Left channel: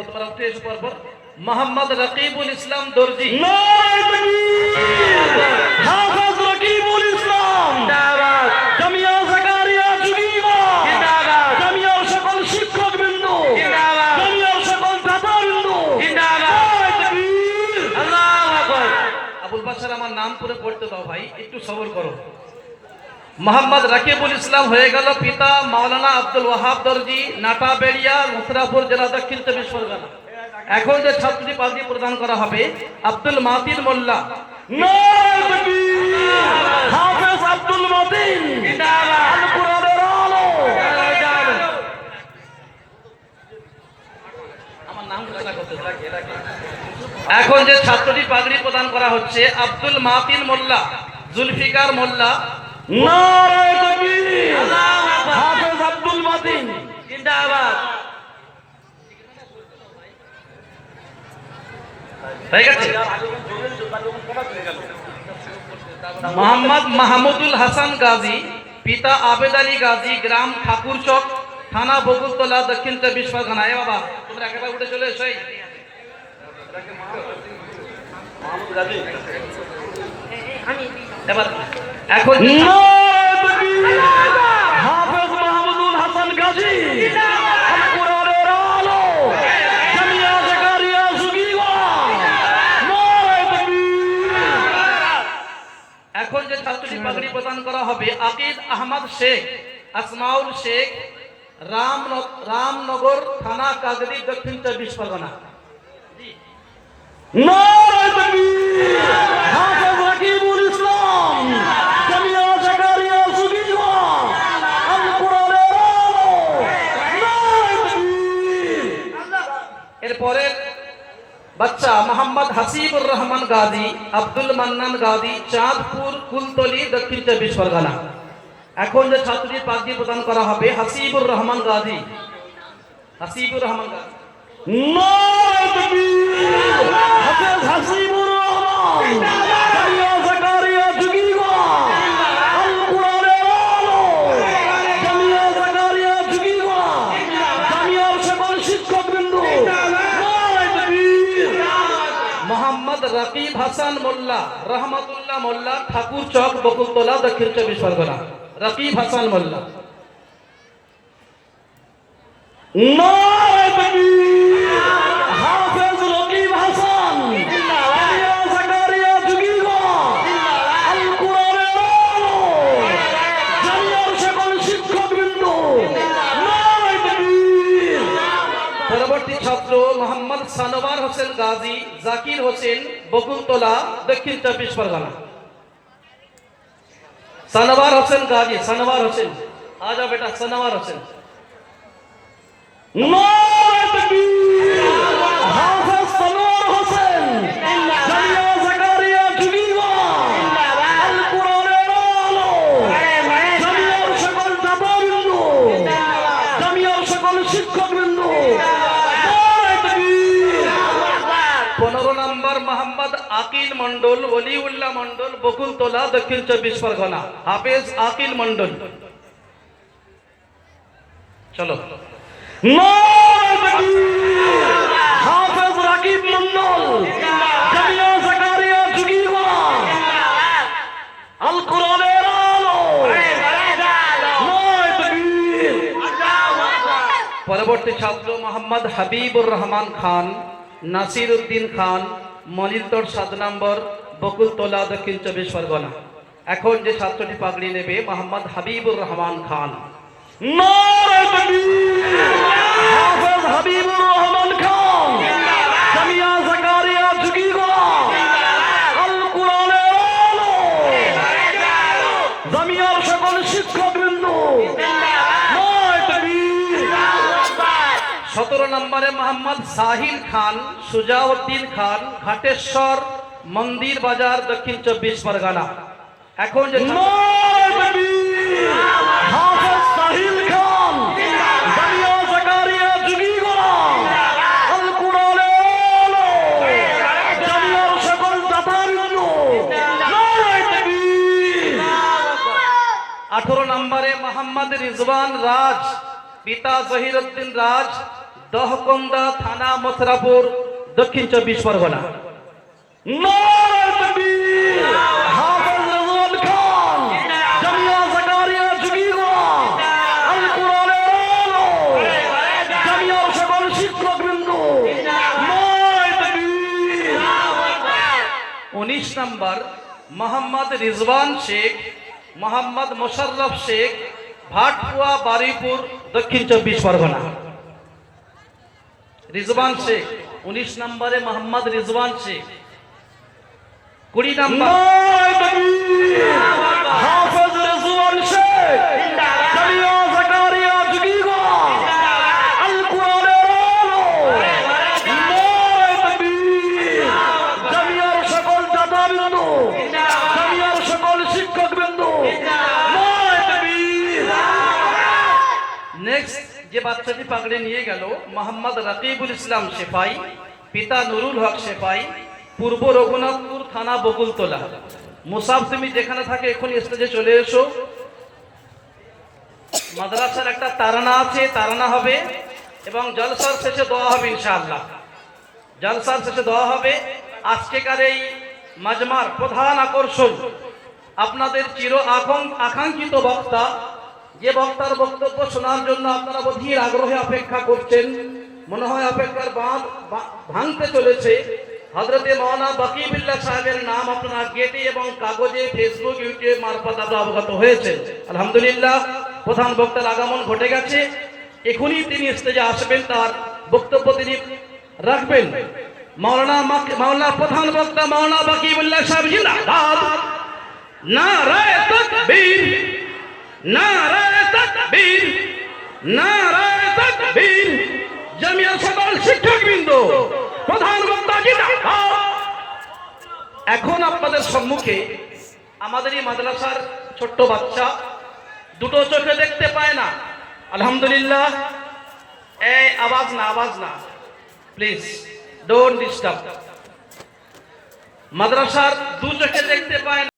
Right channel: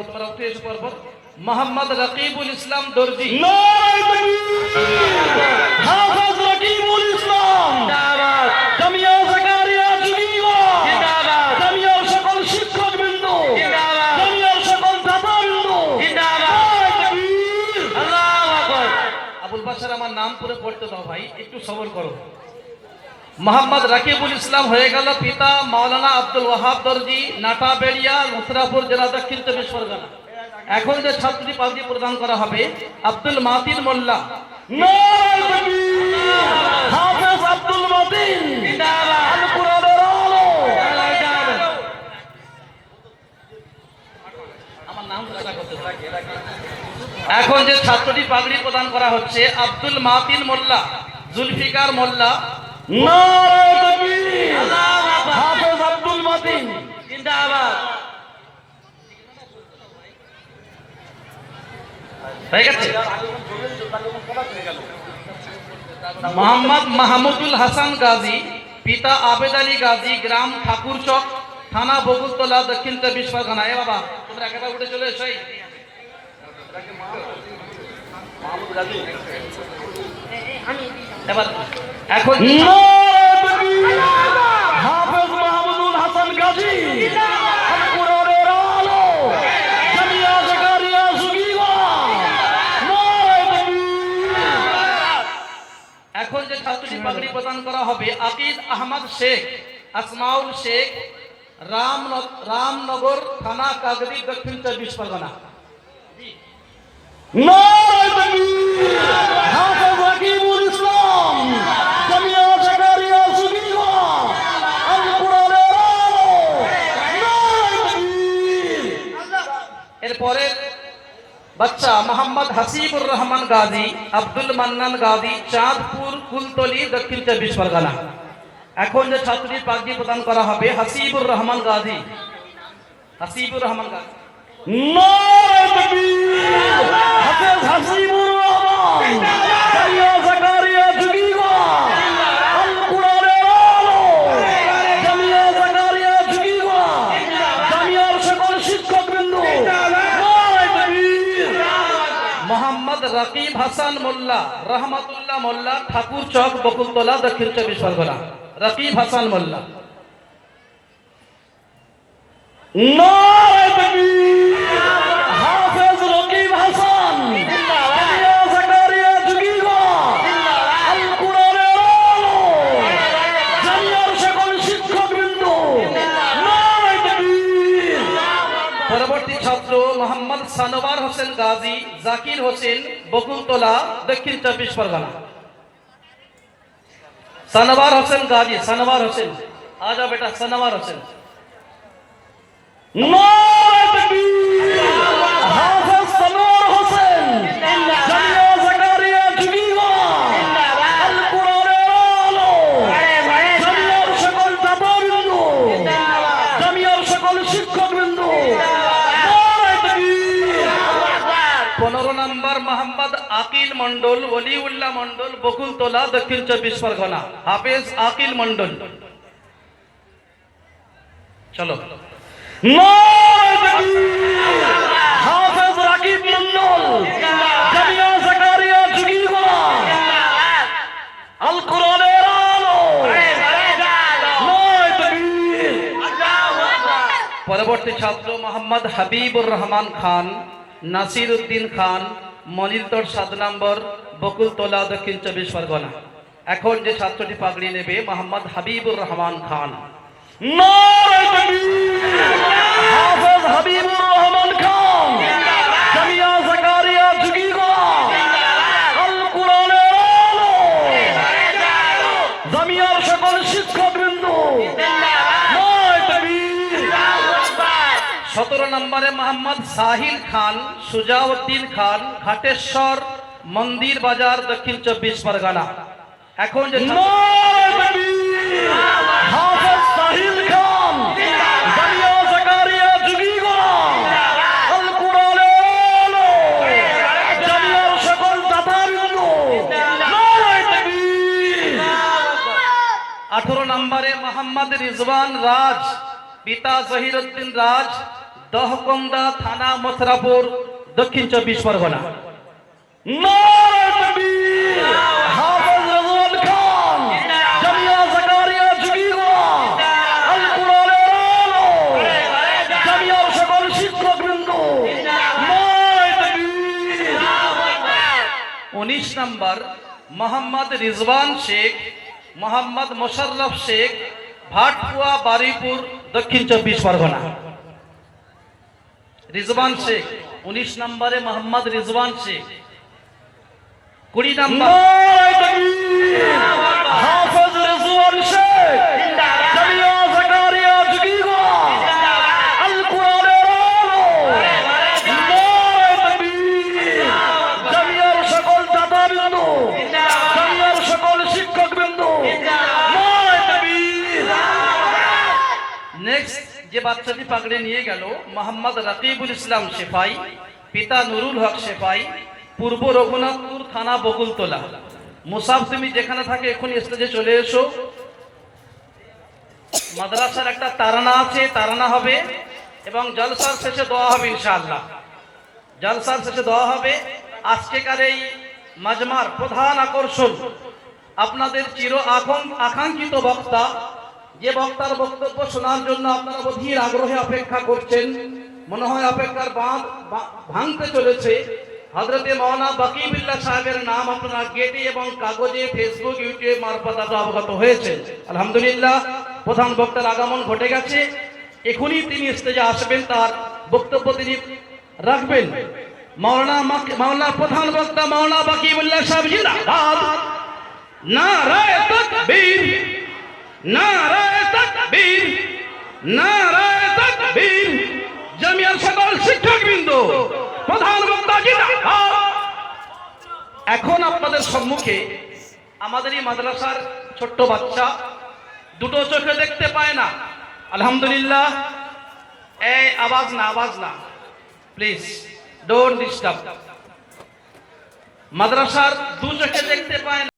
বাবু তোমরা উঠে এসে পরপর। মোহাম্মদ রকিবুল ইসলাম দর্জি। হাফেজ রকিবুল ইসলাম জিন্দাবাদ। জামিয়া জাকারিয়া জুগিবা জিন্দাবাদ। জামিয়ার সকল শিক্ষকবৃন্দ জিন্দাবাদ। জামিয়ার সকল দাতাবৃন্দ জিন্দাবাদ। আল্লাহু আকবার। আবুল বাশার আমার নাম পুরো পড়তে দাও ভাই, একটু সবর করো। মোহাম্মদ রকিবুল ইসলাম হয়ে গেল পিতা মাওলানা আব্দুল ওয়াহাব দর্জি, নাটাবেড়িয়া, মুসরাফুর জেলা, দক্ষিণ চব্বিশ পরগনা। এখন যে ছাত্রী পাগড়ি প্রদান করা হবে আব্দুল মাতিন মোল্লা। হাফেজ আব্দুল মতিন জিন্দাবাদ। আল কুরআনের আলো। আমার নাম ঘোষণা করতে দাও। এখন যে ছাত্রটি পাগড়ি প্রদান করা হচ্ছে আব্দুল মাতিন মোল্লা, জুলফিকার মোল্লা। নারায়ে তাকবীর। হাফেজ আব্দুল মতিন জিন্দাবাদ। হয়ে গেছে। মোহাম্মদ মাহমুদুল হাসান গাজী, পিতা আবেদ আলী গাজী, গ্রাম ঠাকুরচক, থানা বকুলতলা, দক্ষিণ চব্বিশ পরগনা। এ বাবা তোমরা একেবারে উঠে চলে এসো। এবার এখন হাফেজ মাহমুদুল হাসান গাজী, আল কুরআনের আলো, জামিয়া জাকারিয়া জুগিবা। নারায়ে তাকবীর। এখন যে ছাত্রী পাগড়ি প্রদান করা হবে আকিদ আহমদ শেখ, আসমাউল শেখ, রামনগর থানা, কাগরি, দক্ষিণ চব্বিশ পরগনা। নারায়ে তাকবীর। হাফেজ রকিবুল ইসলাম, জামিয়া জাকারিয়া জুগিবা, আল কুরআনের আলো। নারায়ে তাকবীর। এরপরে বাচ্চা মোহাম্মদ হাসিবুর রহমান গাজী, আব্দুল মান্নান গাজী, চাঁদপুর, কুলতলি, দক্ষিণ চব্বিশ পরগনা। এখন যে ছাত্রী পাগড়ি প্রদান করা হবে হাসিবুর রহমান গাজী, হাসিবুর রহমান গাজী। নারায়ে তাকবীর। হাফেজ হাসিবুর রহমান, জামিয়া জাকারিয়া জুগিবা, আল কুরআনের আলো, জামিয়া জাকারিয়া জুগিবা, জামিয়ার সকল শিক্ষকবৃন্দ। নারায়ে তাকবীর। মোহাম্মদ রকিব হাসান মোল্লা, রহমাতুল্লাহ মোল্লা, ঠাকুর চক, বকুলতলা, দক্ষিণ চব্বিশ পরগনা। রকিব হাসান মোল্লা। নারায়ে তাকবীর। হাফেজ রকিব হাসান, জামিয়া জাকারিয়া জুগিবা, আল কুরআনের আলো, জামিয়ার সকল শিক্ষকবৃন্দ। নারায়ে তাকবীর। পরবর্তী ছাত্র মোহাম্মদ সানোয়ার হোসেন গাজী, জাকির হোসেন, বকুলতলা, দক্ষিণ চব্বিশ পরগনা। সানোয়ার হোসেন গাজী, সানোয়ার হোসেন, আ যাও বেটা, সানোয়ার হোসেন। নারায়ে তাকবীর। হাফেজ সানোয়ার হোসেন, জামিয়া জাকারিয়া জুগিবা, আল কুরআনের আলো, জামিয়ার সকল দাতাবৃন্দ, জামিয়ার সকল শিক্ষকবৃন্দ। নারায়ে তাকবীর। 15 নম্বর মোহাম্মদ আকিল মন্ডল, ওলিউল্লাহ মন্ডল, বকুলতলা, দক্ষিণ চব্বিশ পরগনা। হাফেজ আকিল মন্ডল। চলো। নারায়ে তাকবীর। হাফেজ রাকিব মন্ডল, জামিয়া জাকারিয়া জুগিবা, আল কুরআনের আলো। নারায়ে তাকবীর। পরবর্তী ছাত্র মোহাম্মদ হাবিবুর রহমান খান, নাসির উদ্দিন খান, মলিতর 7 নম্বর, বকুলতলা, দক্ষিণ চব্বিশ পরগনা। এখন যে ছাত্রটি পাগড়ি নেবে মোহাম্মদ হাবিবুর রহমান খান। নারায়ে তাকবীর। হাফেজ হাবিবুর রহমান খান, জামিয়া জাকারিয়া জুগিবা, আল কুরআনের আলো, জামিয়ার সকল শিক্ষকবৃন্দ। নারায়ে তাকবীর। 17 নম্বরে মোহাম্মদ সাহিল খান, সুজাউদ্দিন খান, ঘাটেশ্বর, মন্দির বাজার, দক্ষিণ চব্বিশ পরগনা। এখন যে নারায়ে তাকবীর। হাফেজ সাহিল খান, জামিয়া জাকারিয়া জুগিবা, আল কুরআনের আলো, জামিয়ার সকল দাতাবৃন্দ। নারায়ে তাকবীর। 18 নম্বরে মোহাম্মদ রিজওয়ান রাজ, পিতা জহিরুদ্দিন রাজ, দহকন্দা থানা, মথুরাপুর, দক্ষিণ 24 পরগনা। নারায়ে তাকবীর। হাফেজ রেজওয়ান খান, জামিয়া জাকারিয়া ঝুঁকিগোড়া, আল কোরআনের আলো, জামিয়ার সকল শিক্ষকবৃন্দ, নারায়ে তাকবীর। 19 নম্বর মোহাম্মদ রিজওয়ান শেখ, মোহাম্মদ মোশাররফ শেখ, ভাটকুয়া, বারুইপুর, দক্ষিণ 24 পরগনা। রিজওয়ান শেখ 19 নম্বরে মোহাম্মদ রিজওয়ান শেখ। 20 নম্বর নারায়ে তাকবীর। হাফেজ রেজওয়ান শেখ, জামিয়া জাকারিয়া ঝুঁকিগোড়া, আল কোরআনের আলো, নারায়ে তাকবীর। জামিয়ার সকল দাতাবৃন্দ, জামিয়ার সকল শিক্ষকবৃন্দ, নারায়ে তাকবীর। নেক্সট যে বাচ্চাটি পাগড়ি নিয়ে গেল মোহাম্মদ রাকিবুল ইসলাম সেফাই, পিতা নুরুল হক সেফাই, পূর্ব রঘুনাথপুর থানা, বকুলতলা। মুসাফ, তুমি যেখানে থাকে এখন স্টেজে চলে এসো। মাদ্রাসার একটা তারানা আছে, তারানা হবে এবং জলসার শেষে দোয়া হবে ইনশাআল্লাহ। জলসার শেষে দোয়া হবে। আজকেকার এই মাজমার প্রধান আকর্ষণ আপনাদের চির আকাঙ্ক্ষিত বক্তা, যে বক্তার বক্তব্য শোনার জন্য আপনারা অধীর আগ্রহে অপেক্ষা করছেন। মনে হয় অপেক্ষার বাঁধ ভাঙতে চলেছে। হযরতে মাওলানা বাকিবুল্লাহ সাহেবের নাম আপনারা গেটে এবং কাগজে, ফেসবুক, ইউটিউব মারফত আপনারা অবগত হয়েছে। আলহামদুলিল্লাহ, প্রধান বক্তার আগমন ঘটে গেছে। এখনই তিনি স্টেজে আসবেন, তার বক্তব্য তিনি রাখবেন। মাওলানা প্রধান বক্তা মাওলানা বাকিবুল্লাহ সাহেব জিন্দাবাদ। নারায়ে তাকবীর, নারায়ে তাকবীর, নারায়ে তাকবীর। জামিয়ার সকল শিক্ষকবৃন্দ, প্রধান বক্তা জিন্দাবাদ। এখন আপনাদের সম্মুখে আমাদের এই মাদ্রাসার ছোট্ট বাচ্চা, দুটো চোখে দেখতে পায় না। আলহামদুলিল্লাহ, এই আওয়াজ না, প্লিজ ডোন্ট ডিস্টার্ব। মাদ্রাসার দু চোখে দেখতে পায় না।